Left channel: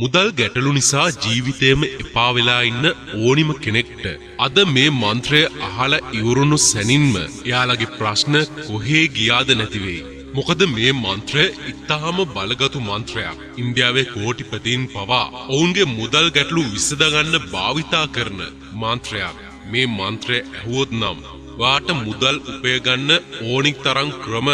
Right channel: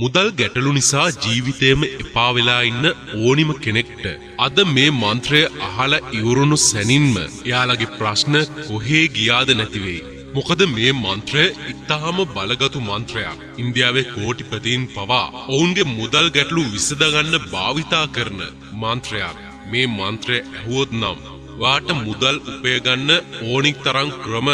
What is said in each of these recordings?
මුදල් ගැටලු නිසා ජීවිතේම එපා වෙලා ඉන්න ඕනිම කෙනෙක්ට අද මේ මන්ත්‍රය අහලා ඉවරුණු සැනින්ම එයාලගේ ප්‍රශ්න කොහේ ගියාද නැති වෙයි. මොකද මේ මන්ත්‍රය ඉතාම බලගතු මන්ත්‍රයක්. ඉන්දියාවේ කෝටිපතීන් පවා ඔවුන්ගේ මුදල් ගැටලු විසඳගන්න භාවිතා කරන මන්ත්‍රයක්. මේ මන්ත්‍රය ඇහුවොත් නම් වාට මුදල් උපය ගන්න ඕනික් තරම් ක්‍රම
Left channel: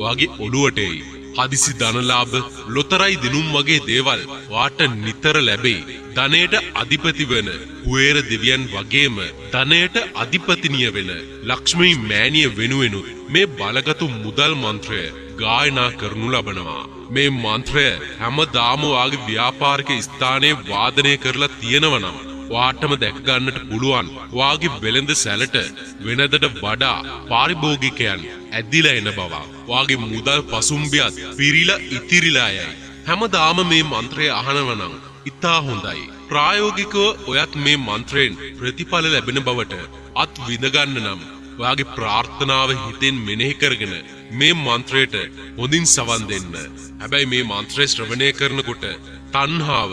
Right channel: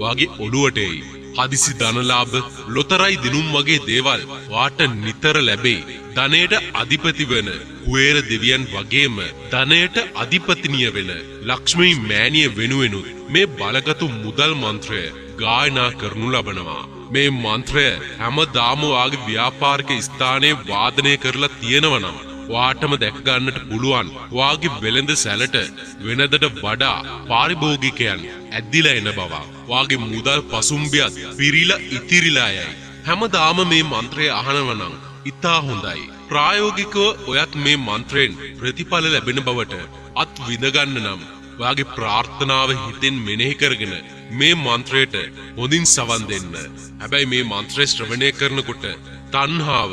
වාගේ ඔළුවට එයි. හදිසි ධනලාභ ලොතරැයි දිනුම් වගේ දේවල් වාට නිතර ලැබෙයි. ධනයට අධිපති වන කුවේර දෙවියන් වගේම ධනයට අධිපතිනිය වෙන ලක්ෂ්මී මෑණිය වෙනුවෙනුත් මේ බලගතු මුදල් මන්ත්‍රය ගායනා කරනු ලබනවා. මේ මන්ත්‍රය හැමදාම වාගේ ව්‍යාපාරික ස්ථානයේ වාදනය කරලා තියෙනවා නම් වාටම දැක ගන්නට පුළුවන් වාගේ වෙළඳ සැලට වෙනදට වඩා පාරිභෝගිකයන් ඇදිලා එන බව. වාගේ මුදල් පසුම්බියත් පිරීලා ඉතිරිලා යයි. හැමදාම මේ මන්ත්‍රය අහනවා නම් ඉතා හොඳයි. ප්‍රායෝගිකව ඔයත් මේ මන්ත්‍රයෙන් ප්‍රතිඵල ලැබෙන බවට අත් විඳ ගන්න නම් වාගේ ප්‍රාර්ථනාව හිතෙන් මෙනෙහි කරගෙන මේ මන්ත්‍රයට හොඳින් සවන් දෙන්න. හැබැයි මේ මන්ත්‍රය ශ්‍රවණය කරනකොට තණ්හාව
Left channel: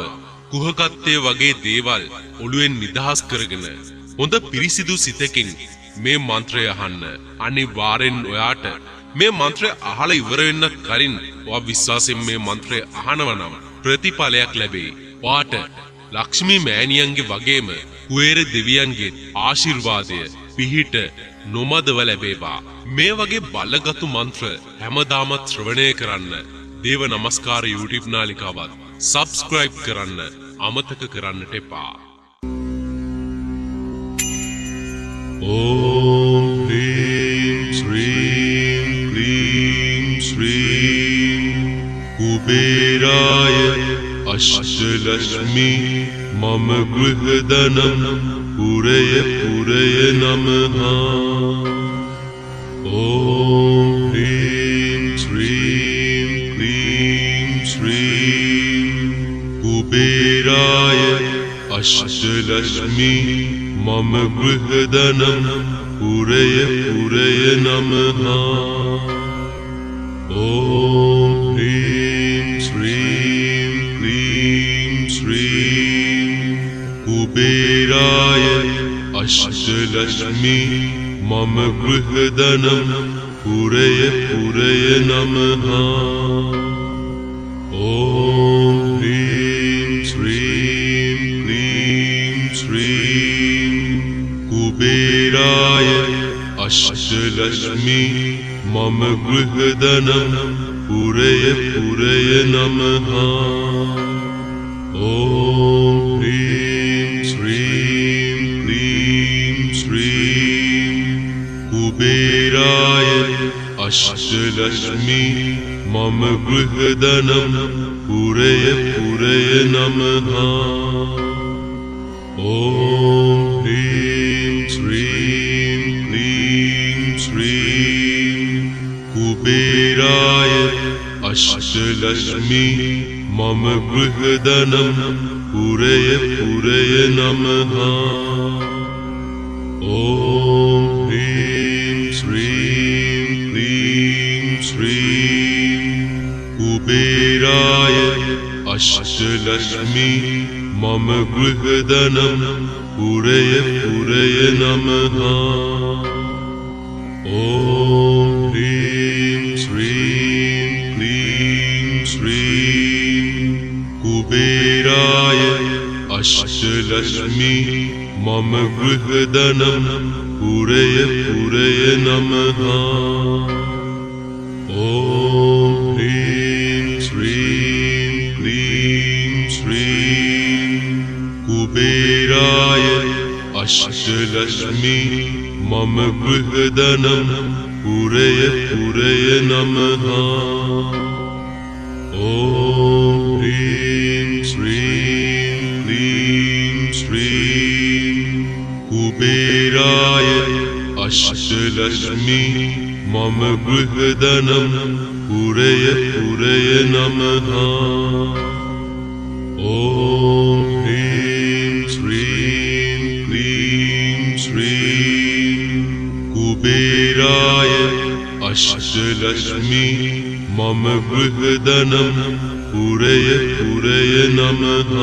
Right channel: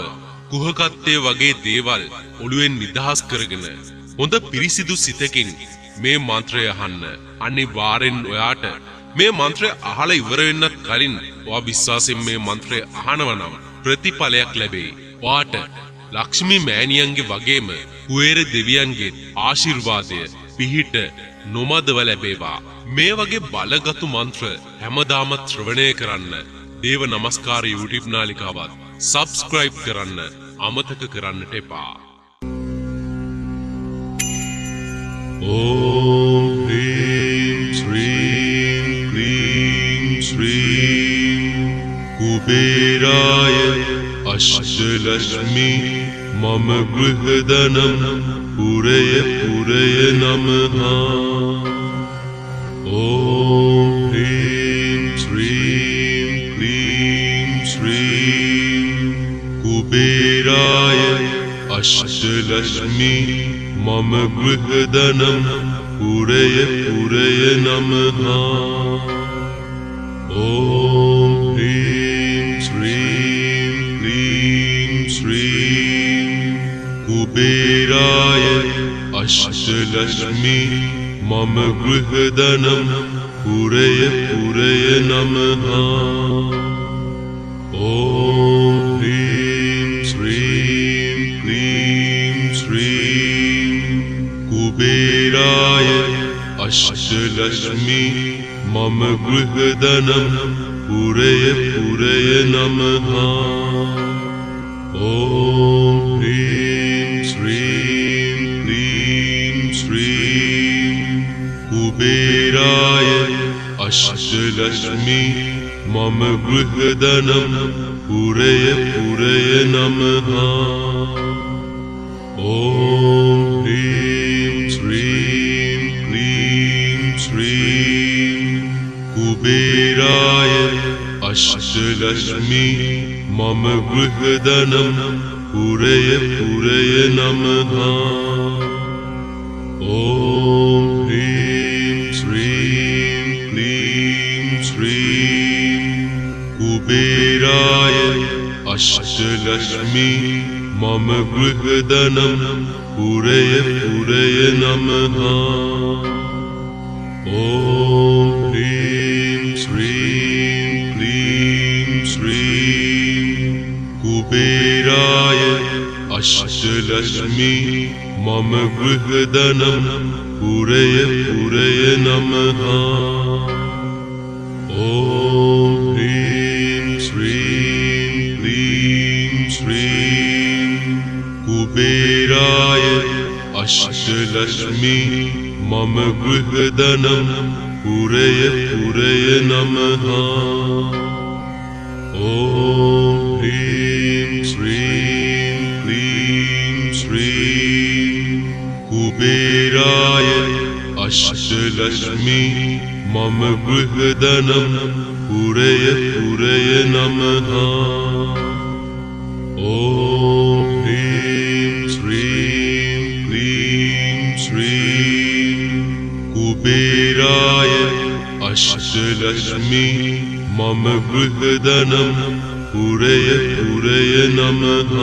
කුහකත්වයේ වගේ දේවල් ඔළුවෙන් නිදහස් කරගෙන හොඳ පිරිසිදු සිතකින් මේ මන්ත්‍රය අහන්න. අනිවාර්යෙන් ඔයාට මේ මන්ත්‍රය අහලා ඉවර වෙන්නත් කලින් ඔයා විශ්වාසයෙන් මේ මන්ත්‍රය අහනවා නම් ප්‍රතිඵලයක් ලැබෙයි. ඔයාට ලක්ෂ්මී මෑණියන්ගේ වගේම කුවේර දෙවියන්ගේ ආශිර්වාදය පිහිට නොමදව ලැබේවා. මේ වගේ බලගතු මන්ත්‍ර හැමදාම ශ්‍රවණය කරන්න. දේව නමස්කාර YouTube නාලිකාවත් subscribe කරන්න අමතක කරන්නට එපා. ඕම් ह्रीं श्रीं क्लीं श्रीं कुबेराय अष्टलक्ष्मी मम गृहधनं पुरय पुरय नमः. ओम ह्रीं श्रीं क्लीं श्रीं कुबेराय अष्टलक्ष्मी मम गृहधनं पुरय पुरय नमः. ओम ह्रीं श्रीं क्लीं श्रीं कुबेराय अष्टलक्ष्मी मम गृहधनं पुरय पुरय नमः. ओम ह्रीं श्रीं क्लीं श्रीं कुबेराय अष्टलक्ष्मी मम गृहधनं पुरय पुरय नमः. ओम ह्रीं श्रीं क्लीं श्रीं कुबेराय अष्टलक्ष्मी मम गृहधनं पुरय पुरय नमः. ओम ह्रीं श्रीं क्लीं श्रीं कुबेराय अष्टलक्ष्मी मम गृहधनं पुरय पुरय नमः. ओम ह्रीं श्रीं क्लीं श्रीं कुबेराय अष्टलक्ष्मी मम गृहधनं पुरय पुरय नमः. ओम ह्रीं श्रीं क्लीं श्रीं कुबेराय अष्टलक्ष्मी मम गृहधनं पुरय पुरय नमः. ओम ह्रीं श्रीं क्लीं श्रीं कुबेराय अष्टलक्ष्मी मम गृहधनं पुरय पुरय नमः. ओम ह्रीं श्रीं क्लीं श्रीं कुबेराय अष्टलक्ष्मी मम गृहधनं पुरय पुरय नमः. ओम ह्रीं श्रीं क्लीं श्रीं कुबेराय अष्टलक्ष्मी मम गृहधनं पुरय पुरय पुरय नमः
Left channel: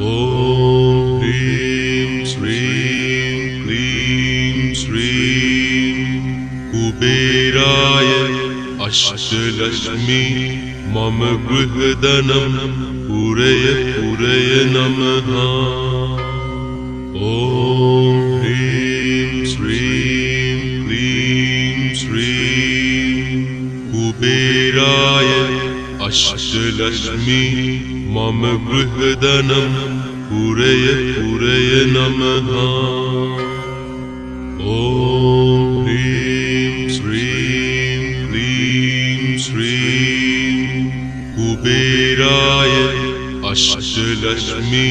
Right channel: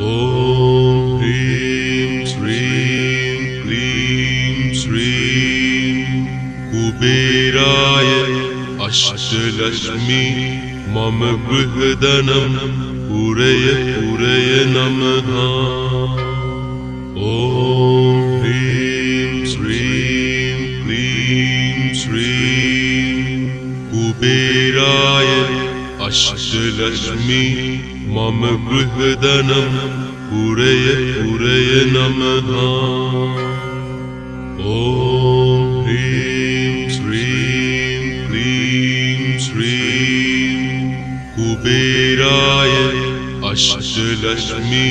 ॐ ह्रीं श्रीं क्लीं श्रीं कुबेराय अष्टलक्ष्मी मम गृहधनं पुरय नमः ॐ ह्रीं श्रीं क्लीं श्रीं कुबेराय अष्टलक्ष्मी मम गृहधनं पुरय नमः ॐ ह्रीं श्रीं क्लीं श्रीं कुबेराय अष्टलक्ष्मी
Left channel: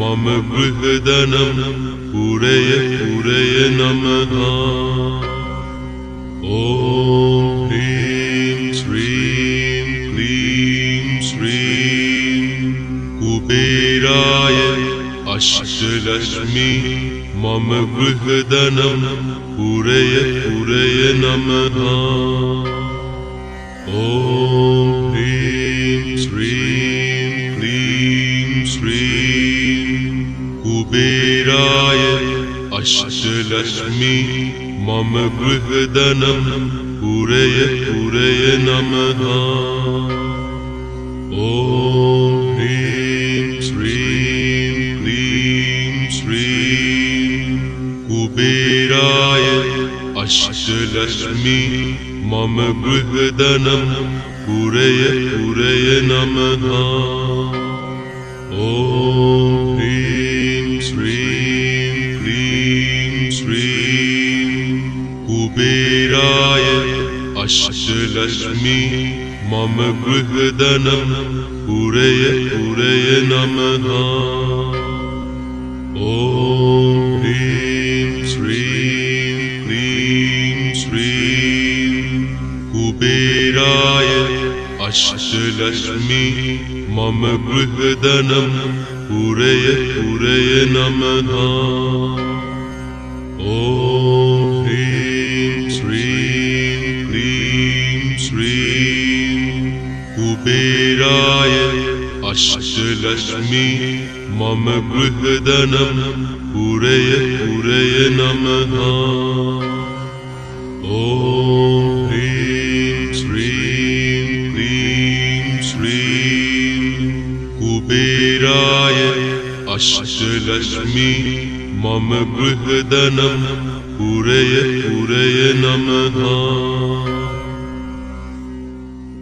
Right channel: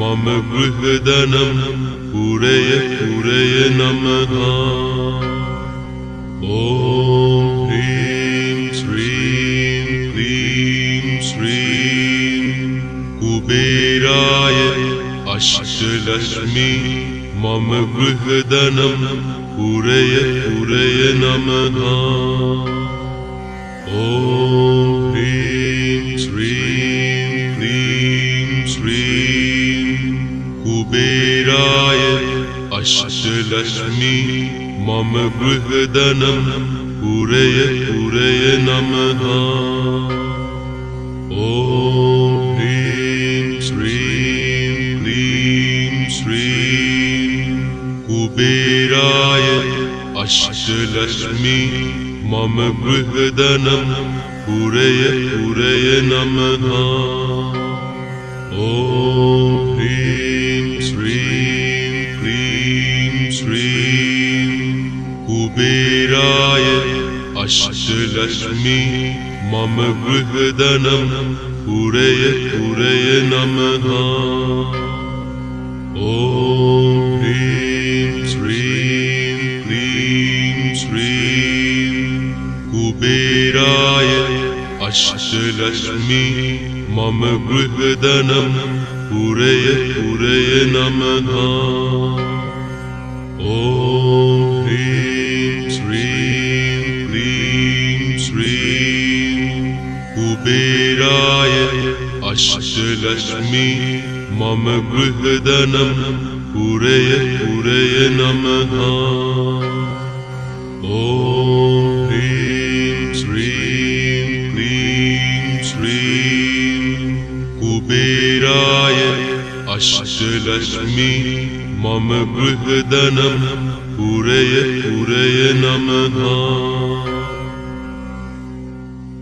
मम गृहधनं पुरय नमः ॐ ह्रीं श्रीं क्लीं श्रीं कुबेराय अष्टलक्ष्मी मम गृहधनं पुरय नमः ॐ ह्रीं श्रीं क्लीं श्रीं कुबेराय अष्टलक्ष्मी मम गृहधनं पुरय नमः ॐ ह्रीं श्रीं क्लीं श्रीं कुबेराय अष्टलक्ष्मी मम गृहधनं पुरय नमः ॐ ह्रीं श्रीं क्लीं श्रीं कुबेराय अष्टलक्ष्मी मम गृहधनं पुरय नमः ॐ ह्रीं श्रीं क्लीं श्रीं कुबेराय अष्टलक्ष्मी मम गृहधनं पुरय नमः ॐ ह्रीं श्रीं क्लीं श्रीं कुबेराय अष्टलक्ष्मी मम गृहधनं पुरय नमः ॐ ह्रीं श्रीं क्लीं श्रीं कुबेराय अष्टलक्ष्मी मम गृहधनं पुरय नमः